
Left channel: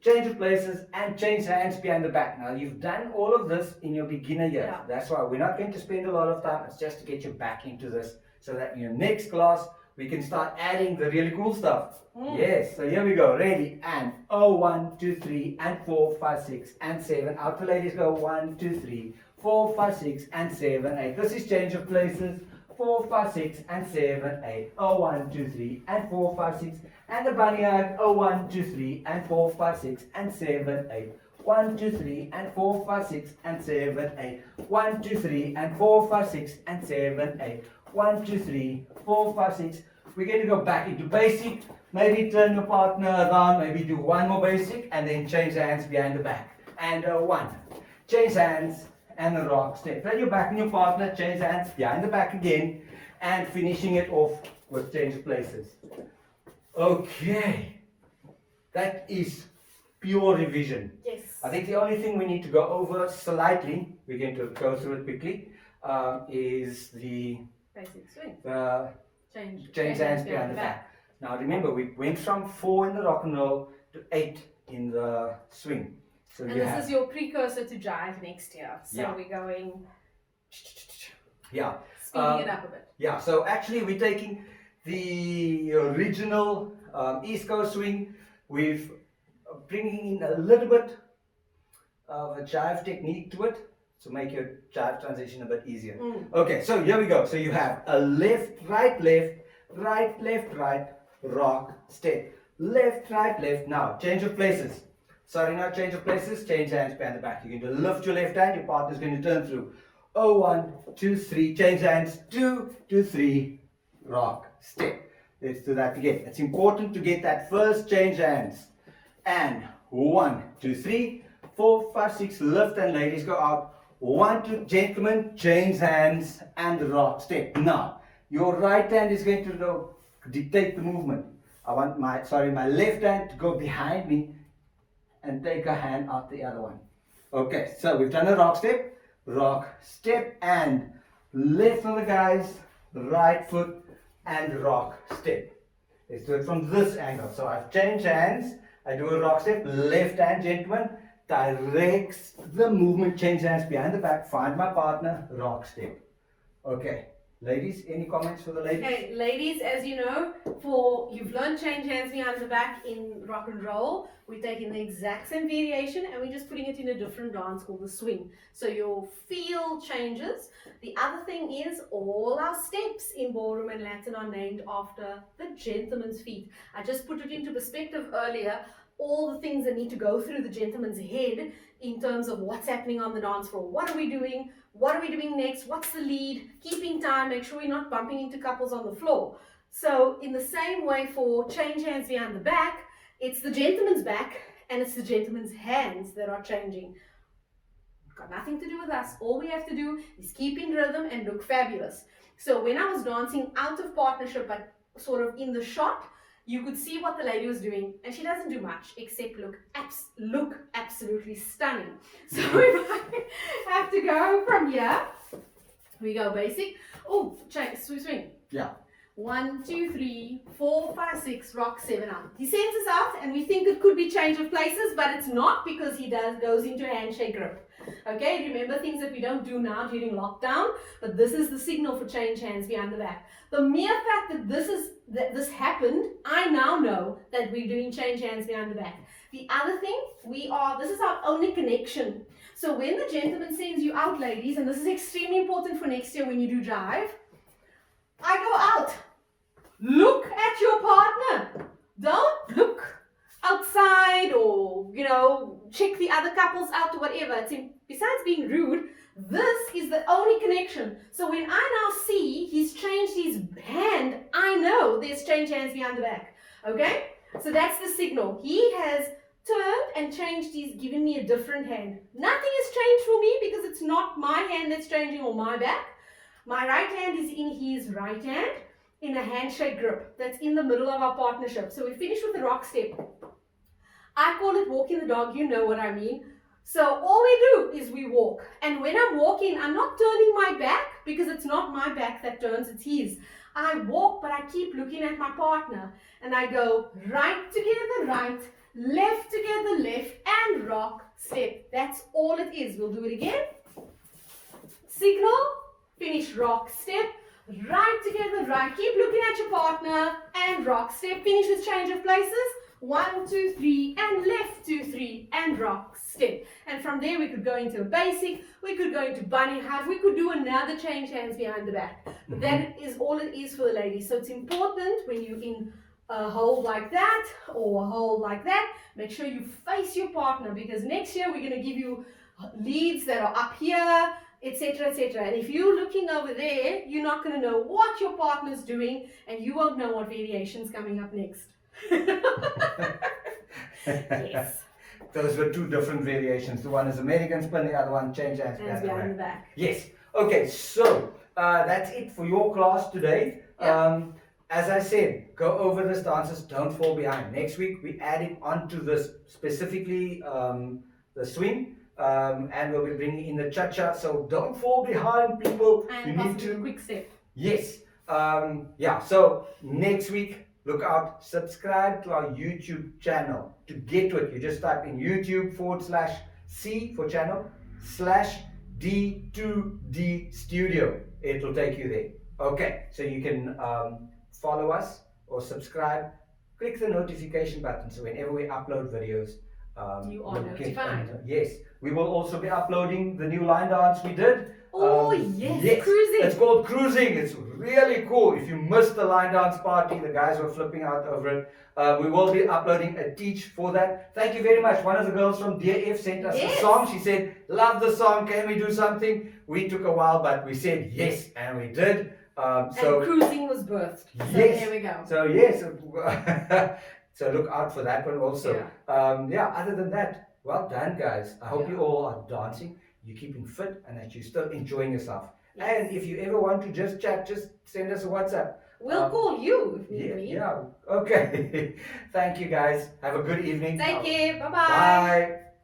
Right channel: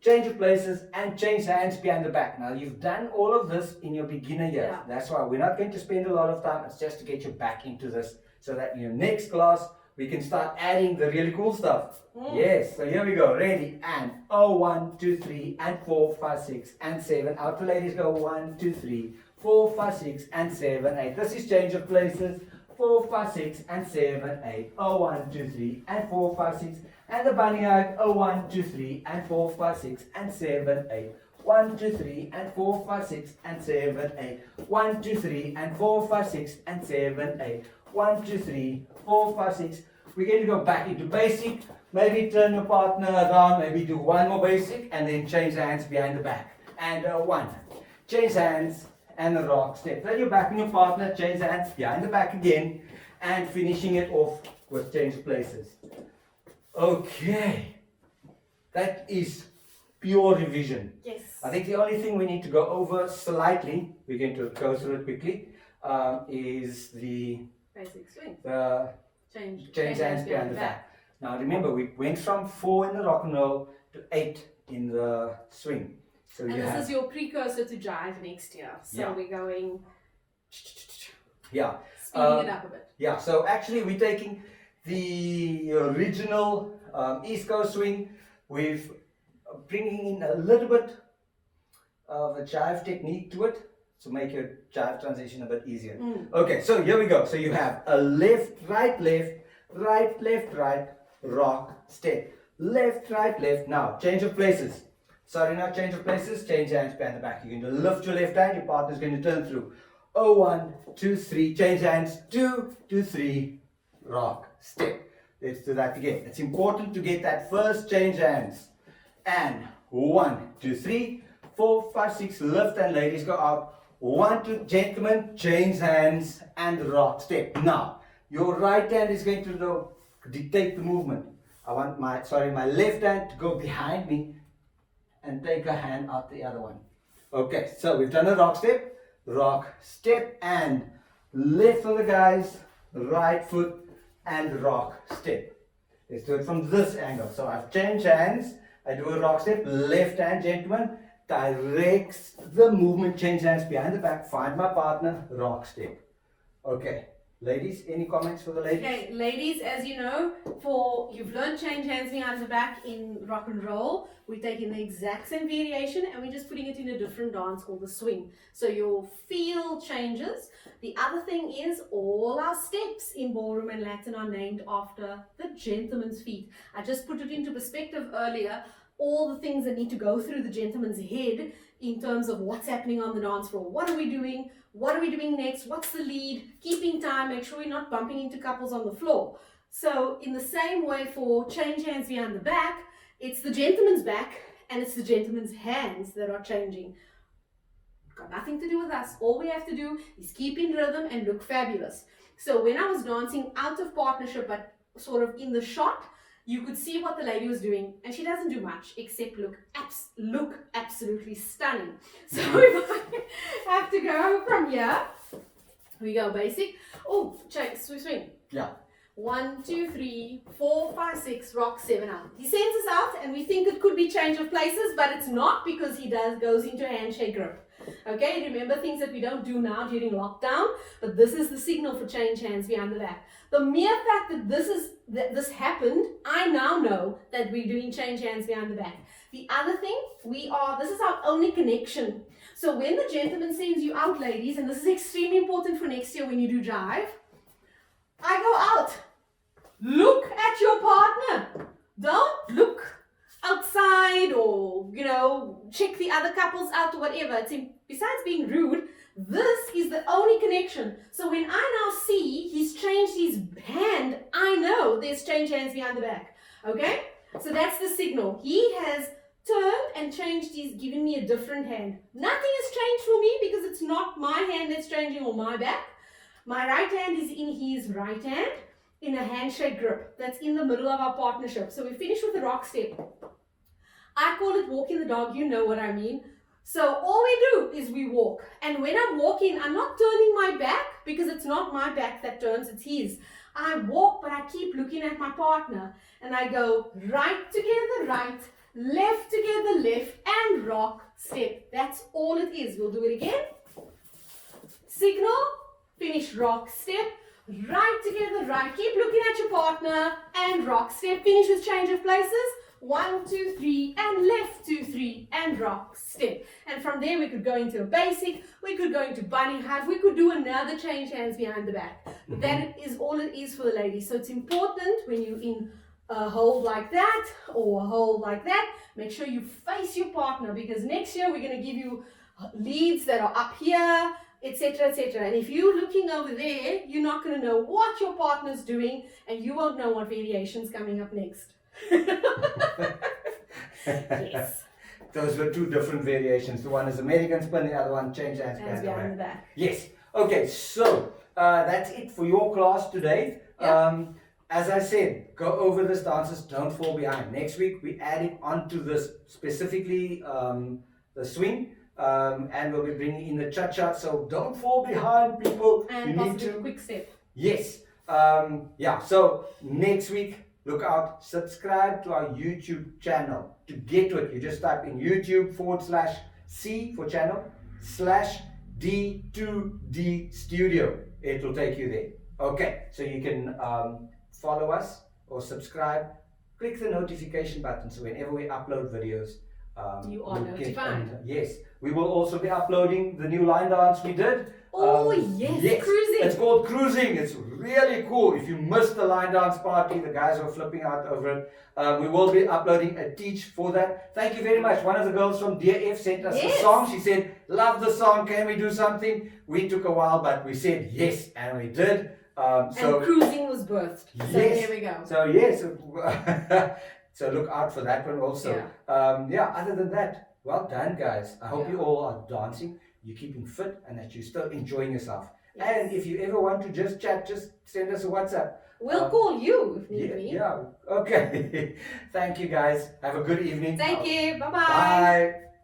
change of places and change hands behind the back. Now you've done all of this in your beginner year. Yeah. That's why we're not going to spend a lot of time. It's just to get you back into this so that in your next class we can start adding the really cool stuff. Yes, so here we go. Ready? And 1, 2, 3 and 4, 5, 6 and 7. Out to ladies go 1, 2, 3, 4, 5, 6 and 7, 8. This is change of places. 4, 5, 6 and 7, 8. 1, 2, 3 and 4, 5, 6. And the bunny hug. 1, 2, 3 and 4, 5, 6 and 7, 8. 1, 2, 3 and 4, 5, 6 and 7, 8. 1, 2, 3 and 4, 5, 6 and 7, 8. 1, 2, 3, 4, 5, 6. We're going to go back into basic. Maybe turn your partner around. Maybe do one more basic and then change hands behind the back. And 1. Change hands and a rock step. Turn your back on your partner. Change hands behind the back again. And finishing it off with change places. Okay. That is pure revision. Yes. I think the only thing we need to go over slightly, we're going to go through it quickly, is the Basic swing. change hands behind the back. Now remember, we went from 4 in the rock and roll to 8 in the swing. So And you this have, is your precursor to jive next year. So Yeah. we're going yeah, speeding it up a bit. yeah. So actually, we're taking the original East Coast swing. We've bringing in a little bit of a jive technique to it to make your jive transition a bit easier. Okay, so here we go. So you have a left, right, left, right, left, right, rock, step. Left, right, left. Now, change of places. Sorry, not change of places. Change hands behind the back. You're going to lift your left hand. Your partner's going to turn through. 1, 2, 3. Change hands. 2, 2, 3. Rock, step. Let's do that again. It's important to get that first change hands. And 1, 2, 3, 4, 5, 6. Lift and ladies go out. 1, 2. Gentlemen, change hands and rock, step. Now, your right hand is going to dictate the movement. I want my left hand to go behind me and take a hand out the other one. Okay, so we've done a rock, step, and left for the guys, right foot, and rock, step. Let's do it from this angle. So I've changed hands, I do a rock step, left hand, gentlemen, directs the movement, change hands behind the back, find my partner, rock step. Okay. Ladies, any comments for the ladies? Okay, ladies, as you know, you've learned change hands behind the back in rock and roll. We're taking the exact same variation and we're just putting it in a different dance called the swing. So your feel changes. The other thing is all our steps in ballroom and Latin are named after the gentleman's feet. I just put it into perspective earlier. All the things that need to go through the gentleman's head in terms of what's happening on the dance floor. What are we doing? What are we doing next? What's the lead? Keeping time, make sure we're not bumping into couples on the floor. So in the same way for change hands behind the back, it's the gentleman's back and it's the gentleman's hands that are changing. Got nothing to do with us. All we have to do is keep in rhythm and look fabulous. So when I was dancing out of partnership but sort of in the shot, you could see what the lady was doing, and she doesn't do much except look absolutely stunning. So if I have to go from here, we go basic. Oh, check, swing. Yeah. 1, 2, 3, 4, 5, 6, rock, 7 out. He sends us out, and we think it could be change of places, but it's not because he goes into handshake grip. Okay, remember things that we don't do now during lockdown, but this is the signal for change hands behind the back. The mere fact that this happened, I now know that we're doing change hands behind the back. The other thing, this is our only connection. So when the gentleman sends you out, ladies, and this is extremely important for next year when you do jive, I go out. Look at your partner. Don't look outside or, check the other couples out or whatever. Besides being rude, this is the only connection. So when I now see he's changed his hand, I know there's changed hands behind the back. Okay? So that's the signal. He has turned and changed, he's given me a different hand. Nothing has changed for me because it's not my hand that's changing or my back. My right hand is in his right hand in a handshake grip. That's in the middle of our partnership. So we finish with the rock step. I call it walking the dog, you know what I mean. So all we do is we walk. And when I'm walking, I'm not turning my back because it's not my back that turns, it's his. I walk, but I keep looking at my partner. And I go right together, right, left together, left, and rock, step. That's all it is. We'll do it again. Signal, finish, rock, step, right together, right. Keep looking at your partner, and rock, step. Finish with change of places. 1, 2, 3, and left, 2, 3, and rock, step. And from there we could go into a basic, we could go into bunny hug, we could do another change hands behind the back. But that is all it is for the ladies. So it's important when you're in a hold like that or a hold like that, make sure you face your partner, because next year we're going to give you leads that are up here, etc., etc. And if you're looking over there, you're not going to know what your partner's doing, and you won't know what variation's coming up next. Yes. Those were two different variations. The one is American spin, the other one change hands Behind the back. Yes. Okay, so that's it for your class today. Yep. As I said, go over this dances, don't fall behind. Next week we adding onto this specifically the swing, and we'll be bringing in the cha-cha. So don't fall behind, people. And you possibly need to. a quick step. Yes. Yeah. So next week, look out. Subscribe to our YouTube channel. To get to it, you just type in YouTube/C for channel /D2D Studio. It will take you there. Okay. So you can follow us or subscribe. Click the notification button so whenever we upload videos, You are notified. Yes. We will also be uploading the new line dance we did. Oh, yes, cruising. It's called cruising. It's really cool. If you missed the line dance party, the guys were flipping out over it. We will be uploading a teach for that. Thank you very much. One of the girls from DF sent us a song. She said, love the song. Can we do something? We took a while, but we said yes, and we did. And cruising was birthed. So yes. there we go. So yes. So look out for that one also. Other than that, well done, guys. I hope you all are dancing, you're keeping fit, and that you're still enjoying yourself. Yes. And if you ever want to just chat, just send us a WhatsApp. We'll call you if need be. Yeah, okay. Thank you, guys. Have a good evening. Thank you. Bye-bye. Bye.